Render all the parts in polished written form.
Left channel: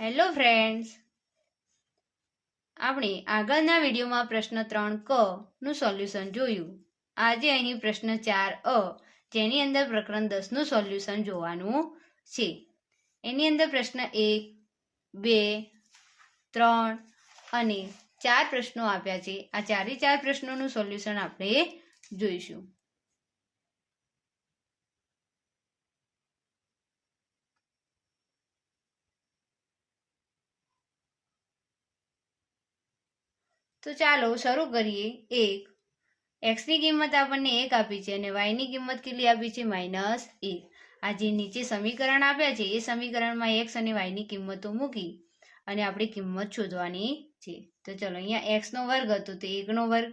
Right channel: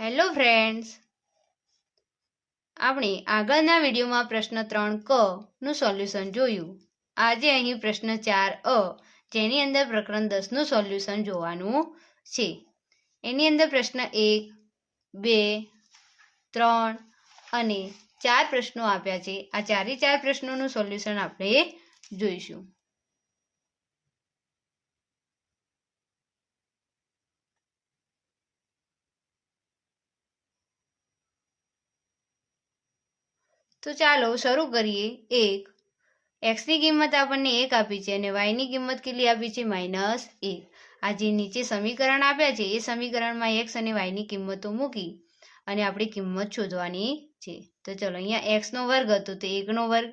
Hello friends, આપણે આગળના વિડીયોમાં પ્રશ્ન 3 ક નું સોલ્યુશન જોયું. આજે અહીં પ્રશ્ન 4 અ જેની અંદર પ્રકરણ 10 નું સોલ્યુશન જોવાનું છે. એની અંદર પ્રશ્ન 1, 2, 3 અને 4 પ્રશ્નો આપ્યા છે. આ 4 પ્રશ્નોનું સોલ્યુશન આપણે જોઈશું. તો ચાલો શરૂ કરીએ. 1, એક્સની કિંમત આપણને 1 આપી છે અને વાયની કિંમત કેટલી આપી છે? -1. આ જે નીચે સમીકરણ આપ્યા છે એ સમીકરણમાં એક્સ અને વાયની કિંમતો મૂકી અને આપણે કિંમત શોધવાની છે. તો ચલો, અહીંયા એક્સનો વર્ગ હતો તો 1નો વર્ગ,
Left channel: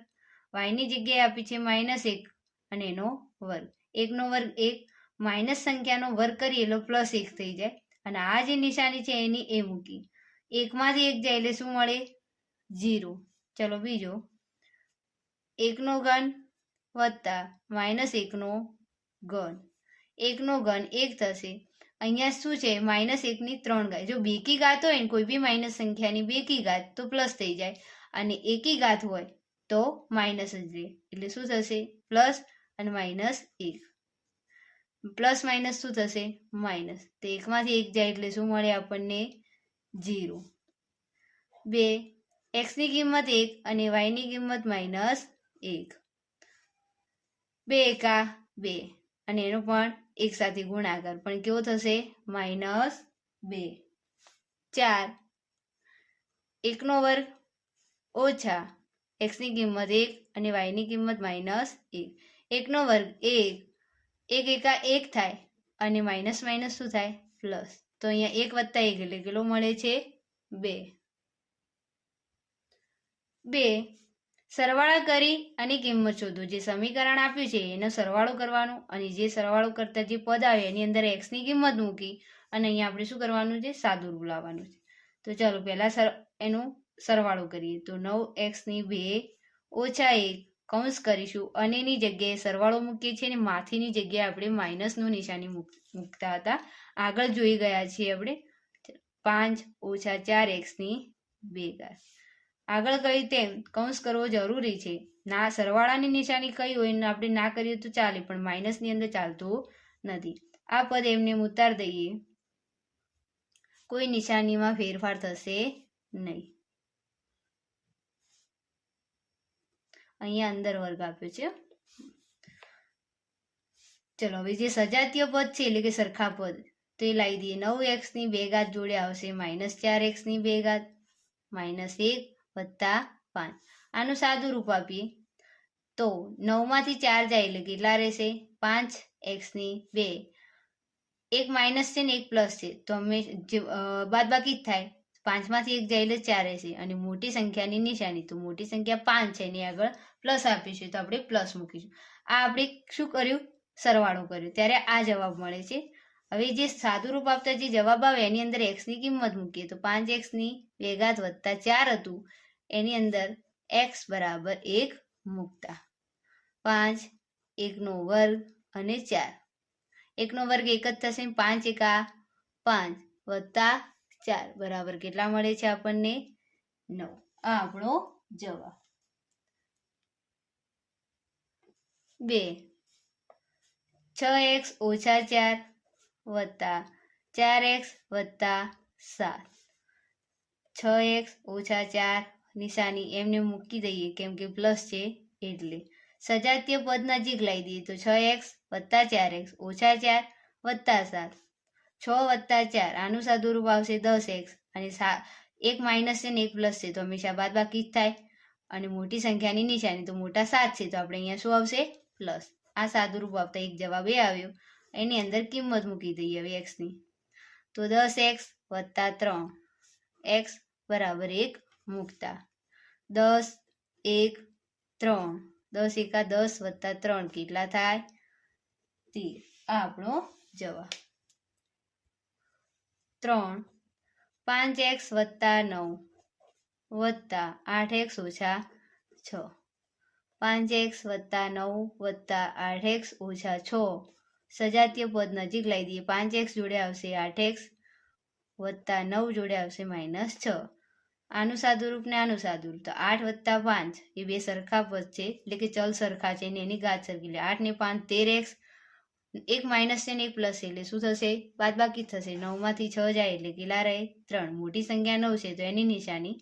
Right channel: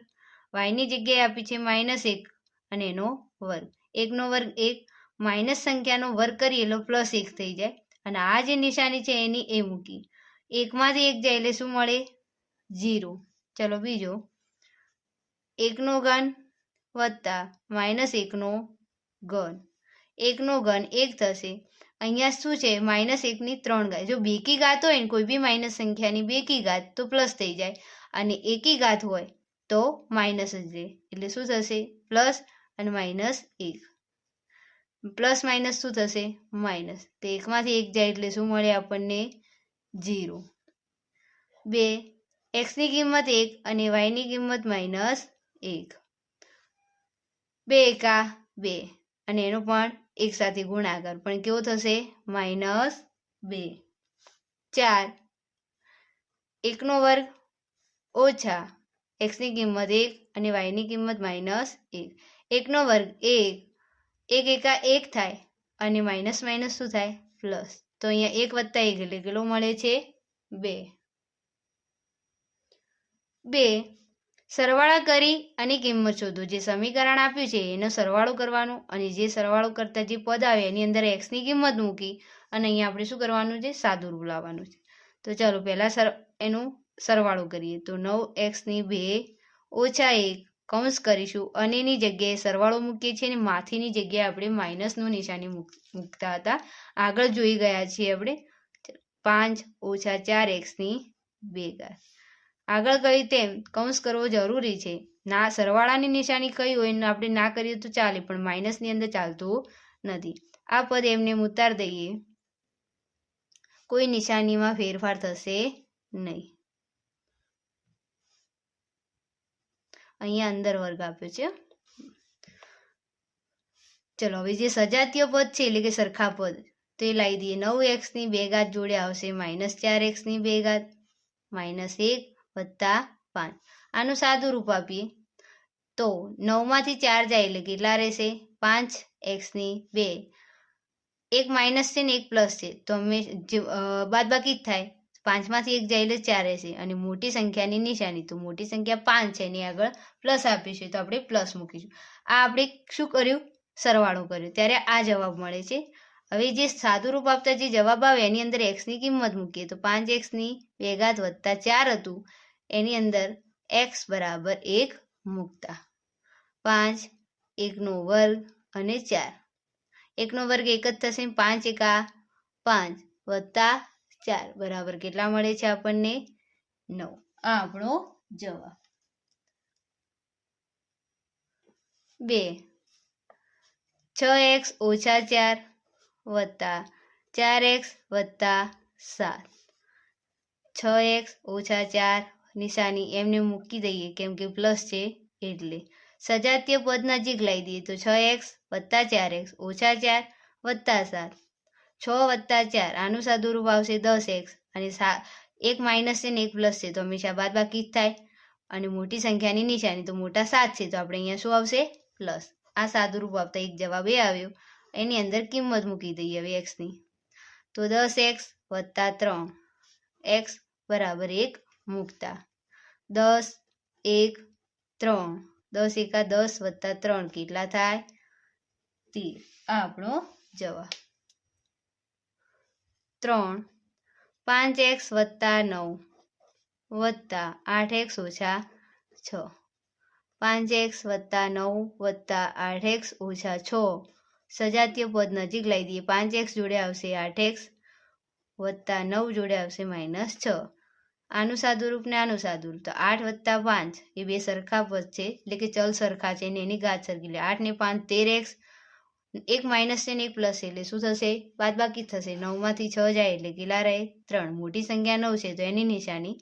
વાયની જગ્યાએ આપી છે -1 અને એનો વર્ગ. 1નો વર્ગ 1, માઇનસ સંખ્યાનો વર્ગ કરીએ એટલે +1 થઈ જાય અને આ જે નિશાની છે એની એ મૂકી. 1માંથી 1 જાય એટલે શું મળે? 0. ચલો બીજો, 1નો ઘન વત્તા -1નો ઘન. 1નો ઘન 1 થશે. અહીંયા શું છે? -1ની 3 ઘાત. જો બેકી ઘાત હોય ને કોઈ બી માઇનસ સંખ્યાની બેકી ઘાત તો પ્લસ થઈ જાય અને એકી ઘાત હોય તો માઇનસ જ રહે. એટલે શું થશે? પ્લસ અને -1. પ્લસ માઇનસ શું થશે? માઇનસ. તો 1માંથી 1 જાય એટલે શું મળે આપણને? 0. 2, એક્સની કિંમત 1 અને વાયની કિંમત -1. 2 એકા 2 અને એનો પણ 1 સાથે ગુણાકાર, પણ કેવો થશે? -2. 4, 1નો વર્ગ ઓછા એક્સની કિંમત 1 અને વાયની કિંમત -1. 1નો વર્ગ 1, 1 એકા 1 થાય અને માઇનસ માઇનસ શું થાય? પ્લસ. તો અહીંયા 1 વત્તા 1 એટલે કેટલો મળે છે? 2. 2, સરવાળા કરી અને કિંમત શોધો. જે સમીકરણ આપ્યું છે એનો સરવાળો કરવાનો અને જે સરવાળો કરતા જે પદ આવે એની અંદર એક્સની કિંમત મૂકી અને અહીંયા આપણે શું કરવાનું છે? સાદુરૂપ લાવવાનું છે. તો ચાલો પહેલા એનું સરવાળો કરીએ. તો 9x ની 2 ઓછા 1 કૌંસ કરીશું અને એની જગ્યાએ સરવાળો મૂકીએ છીએ અને માથીની જગ્યાએ આપણે માઇનસનું નિશાની મૂકતા હતા. આગળ જોઈ ગયા છીએ આપણે. 5 ઓછા 4x ની 2 ઘાત. આગળ કહી તેમ કૌંસ કરવો જરૂરી છે. ના સરવાળાની નિશાની કઈ હોય ને આપણે ના કરીએ તો ચાલે, પણ માઇનસની અંદર ચાલતું નથી. આ પદ એમને ઉતાર દઈએ, કોઈ નિશાનીમાં ફેરફાર થશે નહીં. અહીંયા અંદર વર્ગ આપ્યો છે. ચલો હવે જે સજાતીય પદ છે એટલે કે સરખા પદ તો એ લાવી દઈએ. 9x ની 2 ઘાત જોડે આવશે -4x ની 2 ઘાત, -1 વત્તા 5. આનું સાદું રૂપ આપીએ તો 9માંથી 4 જાય એટલે કેટલા રહેશે? 5x ની 2. એક માઇનસ છે ને એક પ્લસ છે તો અમે બાદબાકી જ થાય. 5માંથી 1 જાય એટલે 4 રહેશે અને મોટી સંખ્યાની નિશાની, તો મોટી સંખ્યા 5 છે એની આગળ પ્લસ આપીશું તો આપણે પ્લસ મૂકીશું. આ આપણે શું કર્યું? સરવાળો કર્યો, ત્યારે આ જવાબ મળે છે. હવે જે સાદું રૂપ આપતા જે જવાબ આવે એની અંદર એક્સની કિંમત મૂકીએ તો 5x ની 2 ઘાત વત્તા 4 હતું એની અંદર x બરાબર 1 મૂકતા 5, 1નો વર્ગ અને 4. 1નો વર્ગ 1 જ થશે. 5 એકા 5 વત્તા 4 બરાબર કેટલા મળે છે આપણને? 9. આ આપણો જવાબ. 2, 6x ઓછા 4 વત્તા 4x વત્તા 7. 6x ઓછા 4 નિશાની એમને મૂકી દઈએ કેમ કે પ્લસ છે એટલે. સજાતીય પદ નજીક લાવી દઈએ તો 6x વત્તા 4x ઓછા 4 વત્તા 7. 6 વત્તા 4 આનું સાદું રૂપ આવશે 10x અને એક માઇનસ છે ને એક પ્લસ છે તો હંમેશા બાદબાકી જ થાય અને મોટી સંખ્યાની નિશાની તો મોટા 7 છે તો આપણે અહીંયા શું આવશે? પ્લસ. આ સાદું રૂપ આપતા એક જવાબ એ આવ્યો. એની અંદર કિંમત મૂકી દઈએ હવે એક્સની. તો 10x વત્તા 3 x બરાબર 1 મૂકતા 10, 1, 3. 10 એકા 10 વત્તા 3 કેટલા થાય? 13. આ આપણો જવાબ. 3, 5x વત્તા 9 વત્તા 8x ઓછા 6. 5x વત્તા 9 વત્તા 8x ઓછા 6. સજાતીય પદ નજીક લાવી દઈએ. 5x જોડે આવશે 8x વત્તા 9 જોડે આવશે -6. આનું સાદુરૂપ ને આનું સાદુરૂપ, તો 8 વત્તા 5 એ બે સરખા પદ છે, એટલે કે ચલ સરખા છે ને એની ઘાત સરખી, એટલે 8 ને 5 13x, એક માઇનસ છે ને એક પ્લસ એટલે શું થશે? બાદબાકી થશે. 9 માંથી 6 જાય એટલે કેટલા રહે? 3. મોટી સંખ્યા 9 છે તો એની નિશાની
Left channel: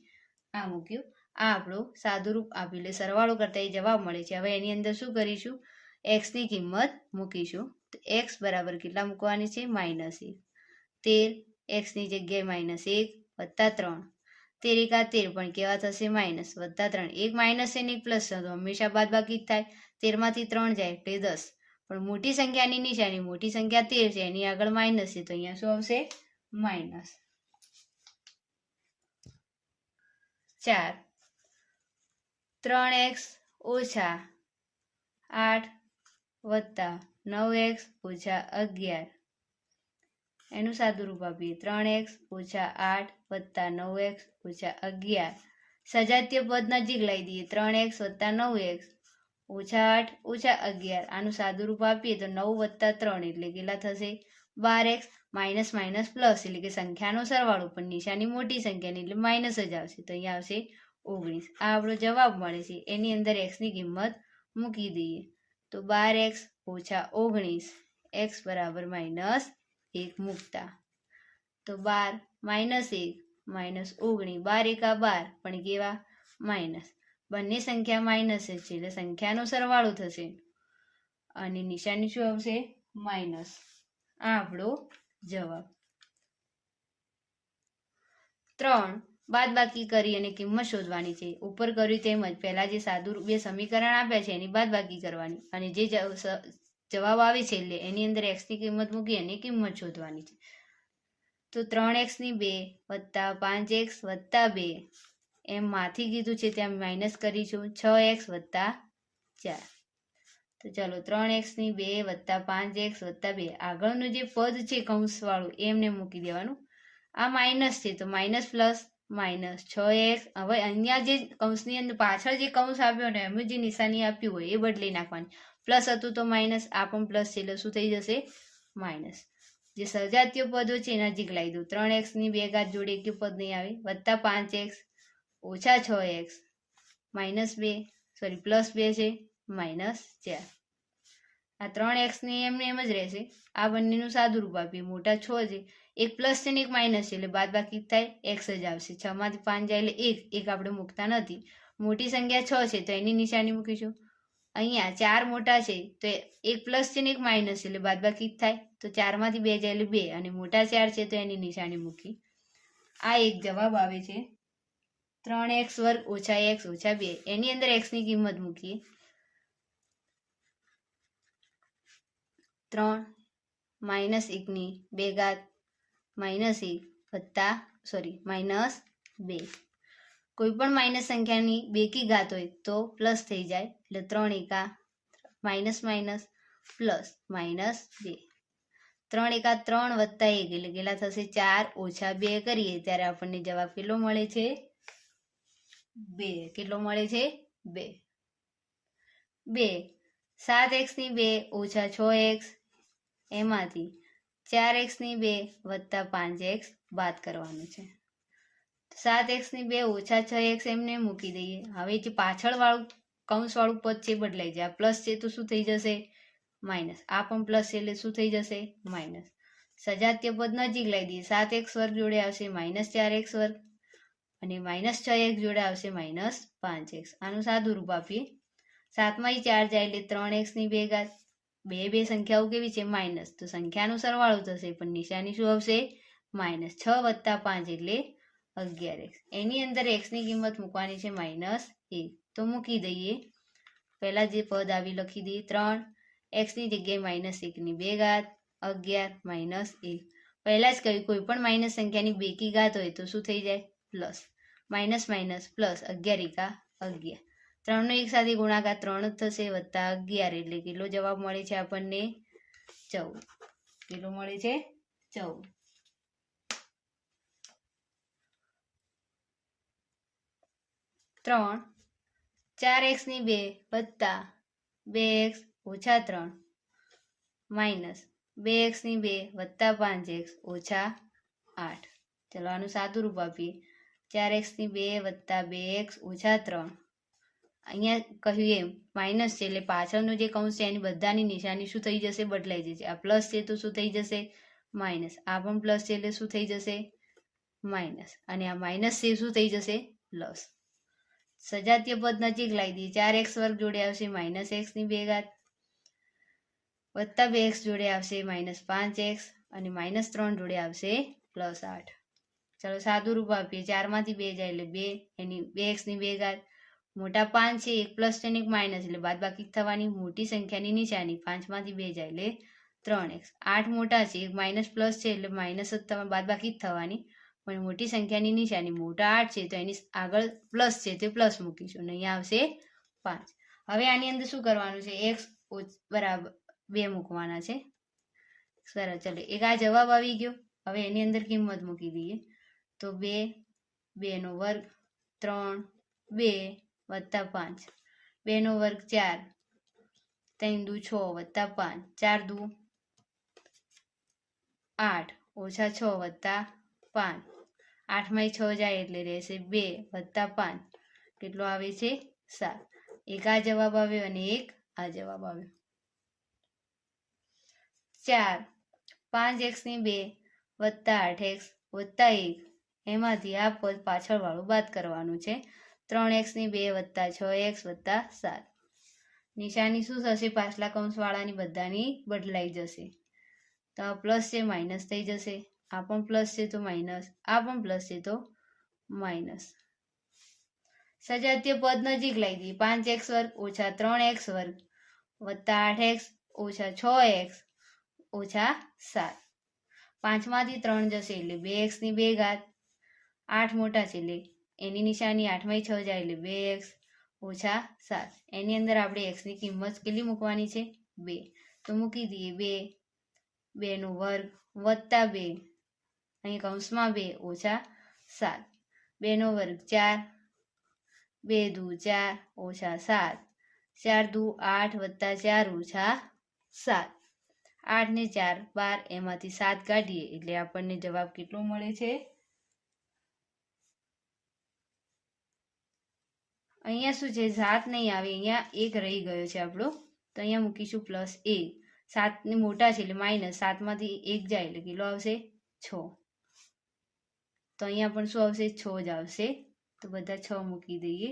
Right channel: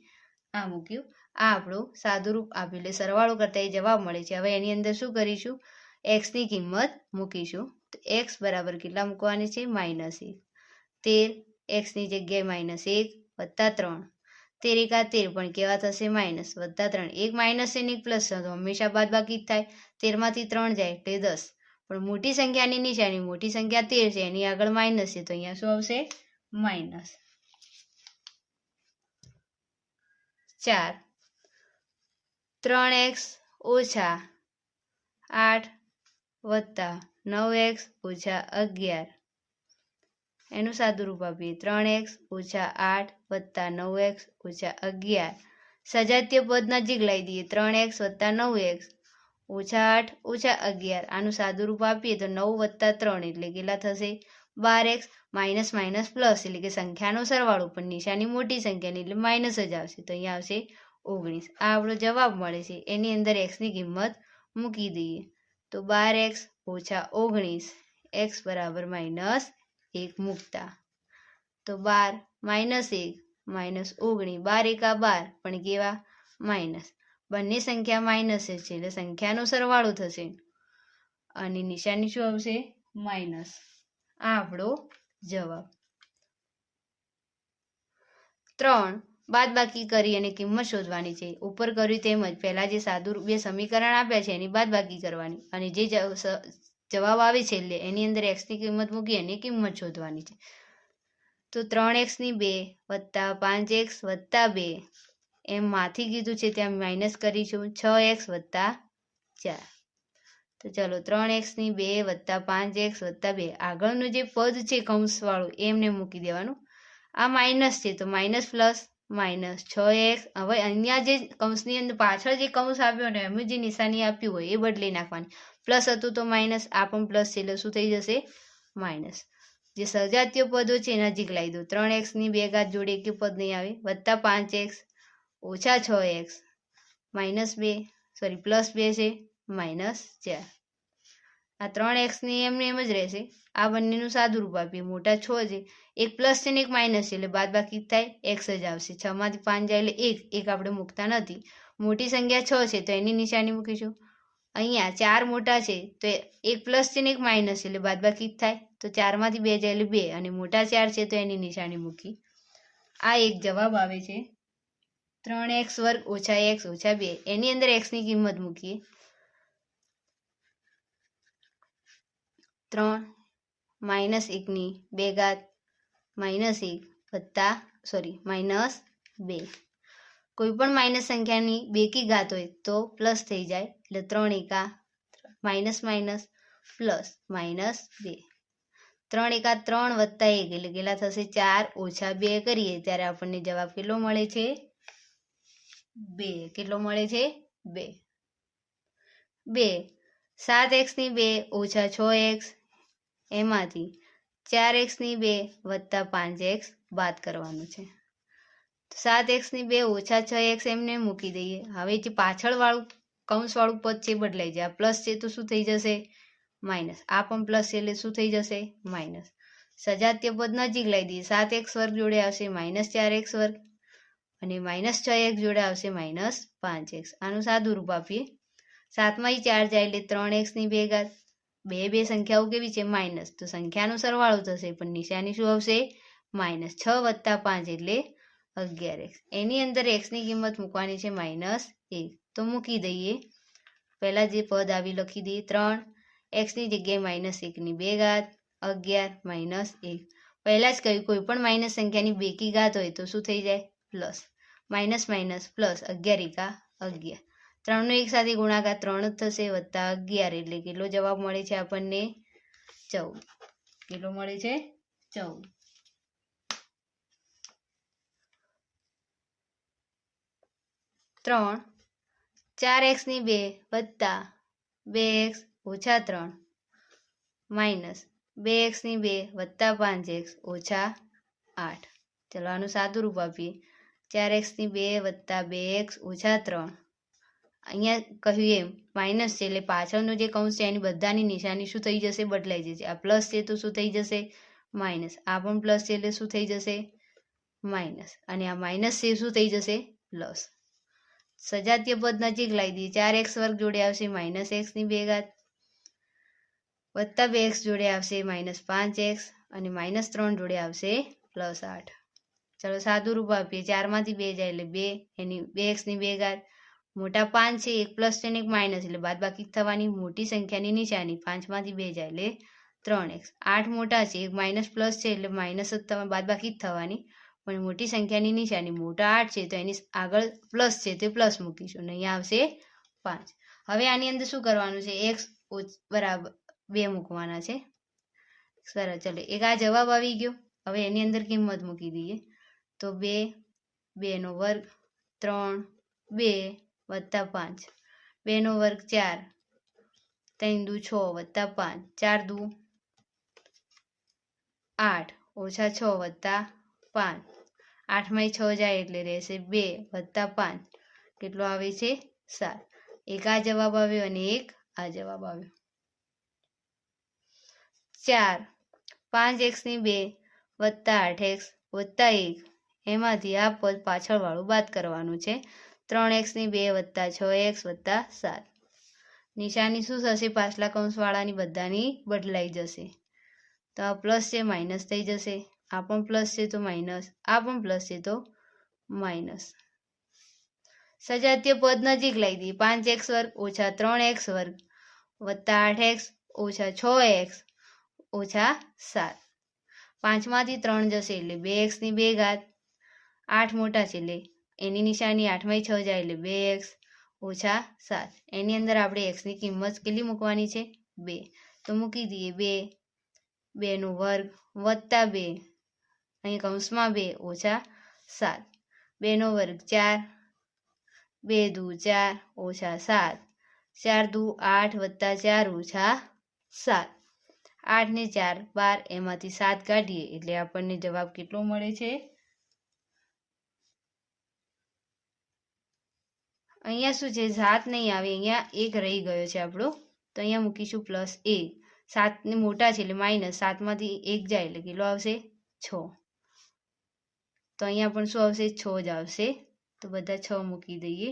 આ મૂક્યું. આ આપણું સાદુરૂપ આપ્યું, એટલે સરવાળો કરતા એ જવાબ મળે છે. હવે એની અંદર શું કરીશું? x ની કિંમત મૂકીશું. તો x બરાબર કેટલા મૂકવાની છે? -1. 13 x ની જગ્યાએ -1 વત્તા 3. 13 એકા 13 પણ કેવા થશે? માઇનસ વત્તા 3. એક માઇનસ છે ને એક પ્લસ છે તો હંમેશા બાદબાકી જ થાય. 13 માંથી 3 જાય એટલે 10. પણ મોટી સંખ્યાની નિશાની, મોટી સંખ્યા 13 છે એની આગળ માઇનસ છે તો અહીંયા શું આવશે? -4. 3x ઓછા 8 વત્તા 9x ઓછા 11. એનું સાદુરૂપ આપીએ. 3x ઓછા 8 વત્તા 9x ઓછા 11. સજાતીય પદ નજીક લાવી દઈએ. 3x વત્તા 9x ઓછા 8 ઓછા 11. આનું સાદુરૂપ આપીએ તો 9 વત્તા 3 એટલે કેટલા થશે? 12x. માઇનસ માઇનસ પ્લસ એટલે કે સંખ્યાનો સરવાળો, પણ નિશાની મોટી સંખ્યાની એટલે માઇનસ જ આવશે, તો અહીંયા આવશે 19. આ આપણો જવાબ મળે છે. એની અંદર x ની કિંમત મૂકી દઈએ તો 12x ઓછા 19, x બરાબર -1 મૂકતા તો 12 -1 -19, 12 એકા 12 પણ કેવા? માઇનસ. બંને સંખ્યા માઇનસ જ છે એટલે સંખ્યાનો સરવાળો થશે અને નિશાની શું આવશે? માઇનસ. આ આપણો જવાબ. 3 બાદબાકી કરી અને કિંમત શોધવાની છે. ઉપર કર્યું તેમજ પહેલા જે સાદુરૂપ બે સમીકરણ આપ્યા છે એની બાદબાકી કરવાની અને જે જવાબ આવે છે એટલે એની અંદર x ની કિંમત મૂકી અને કિંમત શોધવાની છે. તો 3x ની 2 વત્તા 5x વત્તા 2 એમ માંથી કીધું છે ત્યાં માઇનસ કરીશું. 6x વત્તા 4. તો ચાલો 3x ની 2 વત્તા 5x વત્તા 2 આગળનું જે પદ છે કૌંસવાળું એમને મૂકી દેવાનું. આ માઇનસ છે તો માઇનસ પ્લસ માઇનસ 6x. હવે અહીંયા જે કૌંસની અંદર પાછળ જે કૌંસ આપ્યો ને એમ જે નિશાની આપ્યું હોય એ બદલી નાખવાની. પ્લસ હતું તો માઇનસ, આ પણ પ્લસ છે એટલે શું થઈ જશે? માઇનસ. જે સજાતીય પદો છે નજીક લાવી દો. 3x ની 2 ઘાત જોડે એક પદ નહીં આવે, વત્તા 5x ઓછા 6x પ્લસ 2 છે -4. આ 3x ની એમને એમ જ રહેશે. આ બંનેનું સાદુરૂપ આપીએ. મોટા 6 છે, એક પ્લસ છે ને એક માઇનસ છે એટલે બાદબાકી થાય x જ આવશે. 6 માંથી 5 જાય એટલે 1 આપણે મૂકતા નથી. મોટી સંખ્યા 6 છે તો એની નિશાની મૂકીશું. અહીંયા 4 મોટા છે તો એક પ્લસ છે ને એક માઇનસ છે એટલે બાદબાકી થાય, તો 4 માંથી 2 જાય એટલે 2 અને મોટા 4 છે તો એની નિશાની મૂકી. આ એક જવાબ આવે છે. 3x વર્ગ ઓછા x ઓછા 2 એની અંદર x ની કિંમત મૂકીએ. 3 -1 ની 2 ઘાત -1 વત્તા -2. કોઈ પણ માઇનસ સંખ્યાની બેકી ઘાત હોય તો પ્લસ થઈ જાય એટલે 3 એકા માઇનસ માઇનસ પ્લસ -2. 3 એકા 3 વત્તા 1 એટલે કેટલા થશે? 4 ઓછા 2 કરીએ ત્યારે આપણને જવાબ કેટલો મળે છે? 2. કેટલો મળે છે? 2. 7x ની 2 ઓછા 6x એમાંથી 4x ની 2 વત્તા 5x બાદ કરવાનું છે. 7x ની 2 ઓછા 6x એમને મૂકી દઈએ. હવે જે પાછળ વાળું કૌંસવાળું પદ છે બદલાઈ જાય. પ્લસ છે તો શું થઈ જશે? માઇનસ. આ પણ પ્લસ છે એટલે શું થઈ જશે? માઇનસ. સજાતીય પદ નજીક લાવી દઈએ. 7x વર્ગ જોડે આવશે -4x વર્ગ અને -6x જોડે આવશે -5x. આનું સાદુરૂપ આપીએ. 7 માંથી 4 જાય એટલે 3x ની 2 ઘાત. બે સંખ્યાઓ કેવી છે? માઇનસ, તો સંખ્યાનો સરવાળો થશે પણ નિશાની શું આવશે? માઇનસ. 6 વત્તા 5 એટલે 11x. એની અંદર x ની કિંમત મૂકવાની છે -1 તો મૂકી દઈએ. પહેલા જે પદ આવી લખી દઈએ. 3x ની જગ્યાએ -1 ની 2 ઘાત 11 -1. પહેલા જ કહ્યું કોઈ પણ માઇનસ સંખ્યાની બેકી ઘાત હોય તો શું થઈ જાય? પ્લસ. માઇનસ માઇનસ પ્લસ 11 એકા 11. 3 નો એક સાથે ગુણાકાર 3 જ થશે વત્તા 11 એટલે કેટલો જવાબ મળે છે આપણને? 14. કેટલો મળે છે? 14. 3 4x ની 2 વત્તા 2x ઓછા 3 માઇનસ 2x ની 2 વત્તા 5x ઓછા 8. ચલો આનું સાદું રૂપ આપીએ. 4x ની 2 વત્તા 2x ઓછા 3. અહીંયા કહ્યું એમ માઇનસ છે એટલે પાછળનું જે કૌંસ છે એની બધાની નિશાની શું થઈ જશે? બદલાઈ જશે. આ પ્લસ છે તો શું થઈ જશે? માઇનસ. આ પણ પ્લસ છે એટલે શું થઈ જશે? માઇનસ. અને આ માઇનસ છે શું થઈ જશે? પ્લસ. સજાતીય પદ નજીક લાવી દઈએ. 4x વર્ગ જોડે આવશે -x ની 2 ઘાત વત્તા 2x જોડે આવશે -5x અને -3 જોડે આવશે +8. ચલો સાદું રૂપ આપીએ. 4 માંથી 2 જાય એટલે 2 એની 2x ની 2 ઘાત મોટા 5 છે, એક પ્લસ છે ને એક માઇનસ એટલે બાદ બાકી થવાની. મોટી સંખ્યાની નિશાની 5 માંથી 2 જાય એટલે 3x. 8 મોટા છે, એક માઇનસ પ્લસ છે એટલે માઇનસ જ બાદ બાકી જ થવાની. પણ મોટી સંખ્યાની નિશાની મોટા 8 છે તો એની આગળ પ્લસ છે તો પ્લસ મૂકીશું અને અહીંયા આવશે 5. હવે આની અંદર શું કરવાનું છે? x બરાબર 2 મૂકવાના છે. સરસ. ચલો એક આ જવાબ આવી ગયો. હવે એની અંદર કિંમત મૂકી દઈએ તો 2, 2 નો વર્ગ 3, 2 વત્તા 5, 2 નો વર્ગ 4, 3 દુ 6 વત્તા 5, 4 દુ 8 ઓછા 6 વત્તા 5, 8 માં 6 જાય એટલે રહેશે 2 વત્તા 5. કેટલો આવે છે? 7. એક આ જવાબ આવ્યો અને એક આ જવાબ આવ્યો. 4, 5x ની 2 વત્તા 8x વત્તા 1 એમાંથી આ પદ પાછળ વાળું બાદ કરવાનું છે. 3x ની 2 વત્તા 6x વત્તા 7. નિશાની શું થશે? પાછલા કૌંસ વાળાની બધાની બદલાઈ જશે. તો આ પ્લસ છે માઇનસ થઈ જશે. આ પણ પ્લસ છે તો માઇનસ, આ પણ પ્લસ છે તો માઇનસ. સજાતીય પદ નજીક લાવી દઈએ. 5x વર્ગ ઓછા 3x વર્ગ વત્તા 8x ઓછા 6x ઓછા 7. 5 માંથી 3 જશે એટલે 2x ની 2 ઘાત 8 મોટા છે એટલે એની નિશાની 8 માં 6 જાય એટલે 2x ઓછા 7. એની અંદર આપણે x ની કિંમત કેટલી મૂકવાની છે? 2. તો મૂકી દઈએ 2, 2 નો વર્ગ વત્તા 2 અહીં કૌંસમાં 2 ઓછા 7, 2 નો વર્ગ 4, 2 દુ 4 ઓછા 7, 4 દુ 8 વત્તા 4 ઓછા 7. 8 ને 4 12 એમાંથી 7 કાઢીએ એટલે આપણને જવાબ કેટલો મળે છે? અહીંયા શું છે? 7 નહીં આવે, અહીંયા 1 રહી ગયો છે આપણો તો અહીંયા મૂકીશું +1. 7 ને મોટા છે એટલે માઇનસ, 7 માંથી 1 જાય એટલે કેટલો આવશે? 6. તો અહીંયા પણ શું આવશે? 6 જ આવશે. તો બધા 6 મૂકી દઈએ.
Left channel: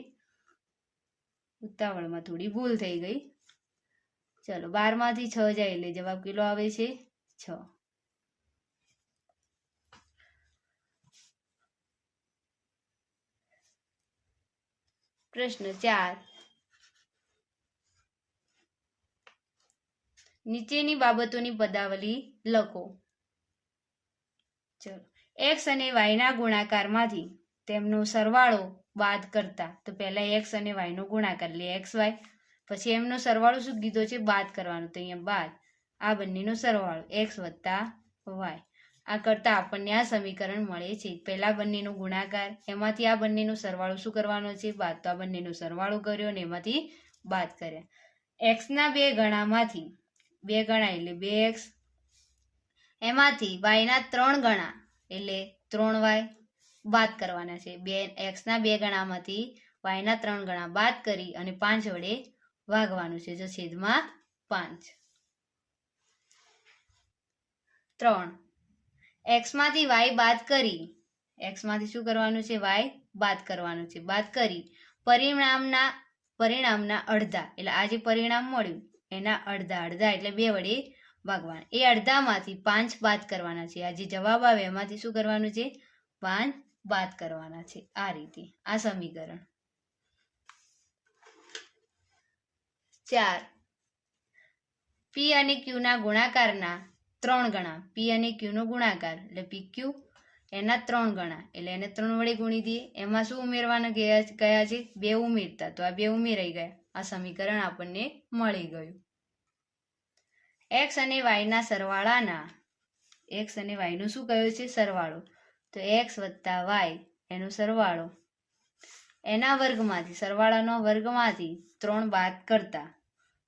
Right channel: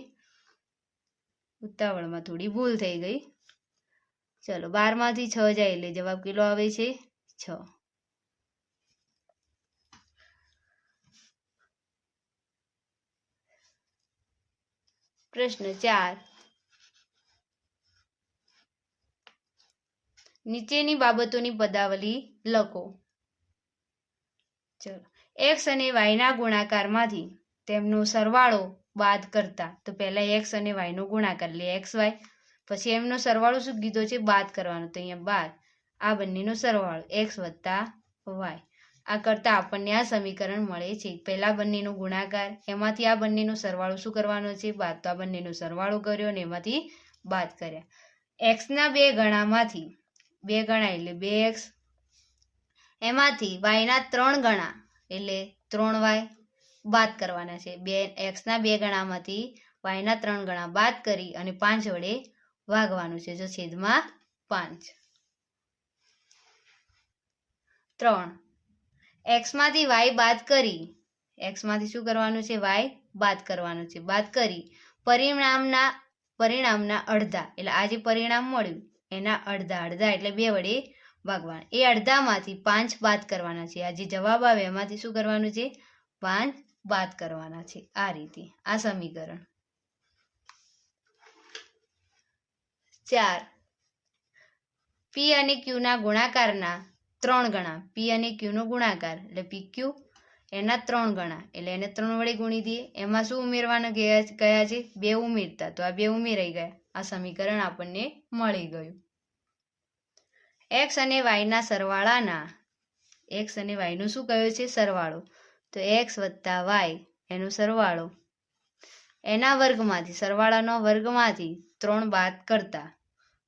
ઉતાવળમાં થોડી ભૂલ થઈ ગઈ. ચલો 12 માંથી 6 જાય એટલે જવાબ કેટલો આવે છે? 6. પ્રશ્ન 4. નીચેની બાબતોની પદાવલી લખો. ચલો x અને y ના ગુણાકારમાંથી તેમનો સરવાળો બાદ કરતા. તો પહેલા x અને y નો ગુણાકાર એટલે xy, પછી એમનો સરવાળો શું કીધો છે? બાદ કરવાનો. તો અહીંયા બાદ આ બંનેનો સરવાળો x વત્તા y. આ કરતા આપણને આ સમીકરણ મળે છે. પહેલા બંનેનો ગુણાકાર, એમાંથી આ બંનેનો સરવાળો શું કરવાનો છે? બાદ. તો આ બંનેનો સરવાળો કર્યો અને એમાંથી બાદ કર્યા. x ના 2 ગણામાંથી 2 ગણા એટલે 2x, એમાંથી y ના 3 ગણા એટલે 3y બાદ કરવાના છે. x ના 2 ગણામાંથી y ના 3 ગણા બાદ કરી અને 5 વડે ભાગવાનું છે. જો છેદમાં 5. 3. x માંથી y બાદ કરી, x માંથી શું કરવાનું છે? y બાદ કરવાનું છે. બાદ કરી પરિણામના અડધા એટલે આ જે પરિણામ મળ્યું એના અડધા એટલે 2 વડે ભાગવાના. એ અડધામાંથી 5 બાદ કરવાના છે. આ જે જવાબ આવે એમાંથી શું કરવાનું છે? 5 બાદ કરવાના છે. આ રીતે આ સમીકરણ. 4. p અને q ના ગુણાકારના 3 ગણા. p અને q નો ગુણાકાર એટલે pq એના 3 ગણા એટલે એને 3 વડે ગુણી દઈએ. એમાં શું ઉમેરવાના કયા છે? 2 ઉમેરતા. તો આ 2 ઉમેરાઈ ગયા. આ સમીકરણ આપણને મળી ગયું. x અને y ના સરવાળાના, x અને y નું શું કહ્યું છે? સરવાળો. તો x વત્તા y એનો સરવાળો એના વર્ગમાંથી, સરવાળાનો વર્ગમાંથી 3 બાદ કરતા.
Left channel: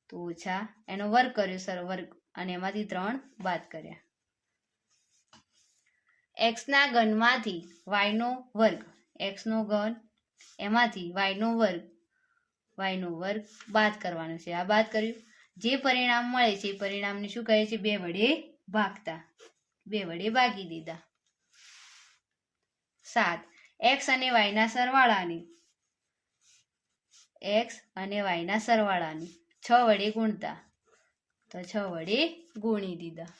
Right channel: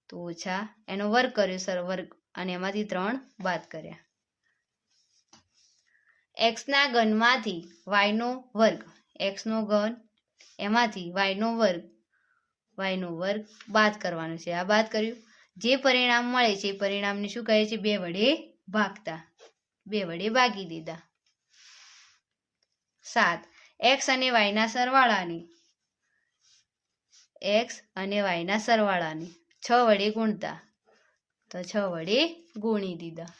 તો ઓછા એનો વર્ગ કર્યો વર્ગ અને એમાંથી 3 બાદ કર્યા. એક્સના ઘનમાંથી વાયનો વર્ગ, એક્સનો ઘન એમાંથી વાયનો વર્ગ બાદ કરવાનો છે. આ બાદ કર્યું. જે પરિણામ મળે છે એ પરિણામને શું કહે છે? 2 વડે ભાગતા. 2 વડે ભાગી દીધા. 7. એક્સ અને વાયના સરવાળાને 6 વડે ગુણતા. તો 6 વડે ગુણી દીધા.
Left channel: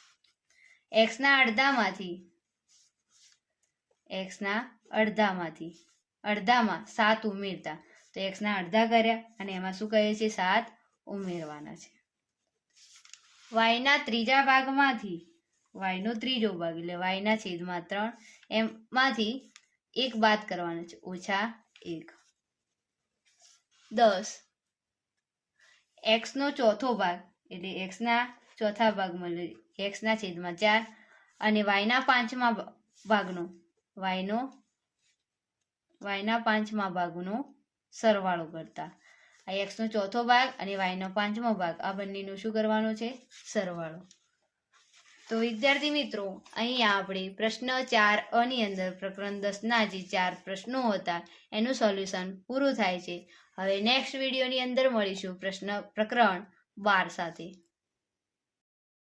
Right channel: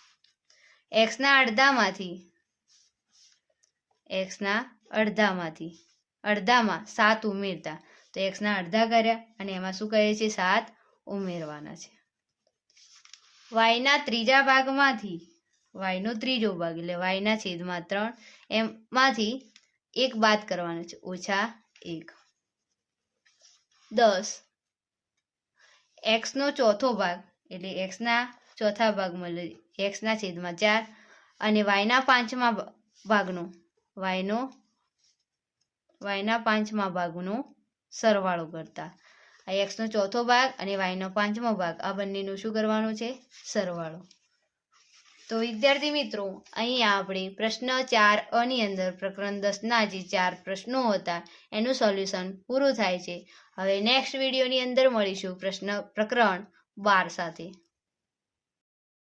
એક્સના અડધામાં 7 ઉમેરતા. તો એક્સના અડધા કર્યા અને એમાં શું કહે છે? 7 ઉમેરવાના છે. વાયના ત્રીજા ભાગમાંથી, વાયનો ત્રીજો ભાગ એટલે વાયના છેદમાં 3 એમાંથી 1 બાદ કરવાનો છે, -1. 10. એક્સનો ચોથો ભાગ એટલે એક્સના ચોથા ભાગમાં એક્સના છેદમાં 4 અને વાયના પાંચમા ભાગનો સરવાળો કરતા. આ એક્સનો ચોથો ભાગ અને વાયનો પાંચમો ભાગ આ બંનેનું શું કરવાનું છે? સરવાળો. તો વિદ્યાર્થી મિત્રો, અહીંયા આપણે પ્રશ્ન 4 ની અંદર પ્રકરણ 10ના જે 4 પ્રશ્નો હતા એનું સોલ્યુશન પૂરું થાય છે. હવે નેક્સ્ટ વિડીયોની અંદર મળીશું પ્રકરણ 12 સાથે.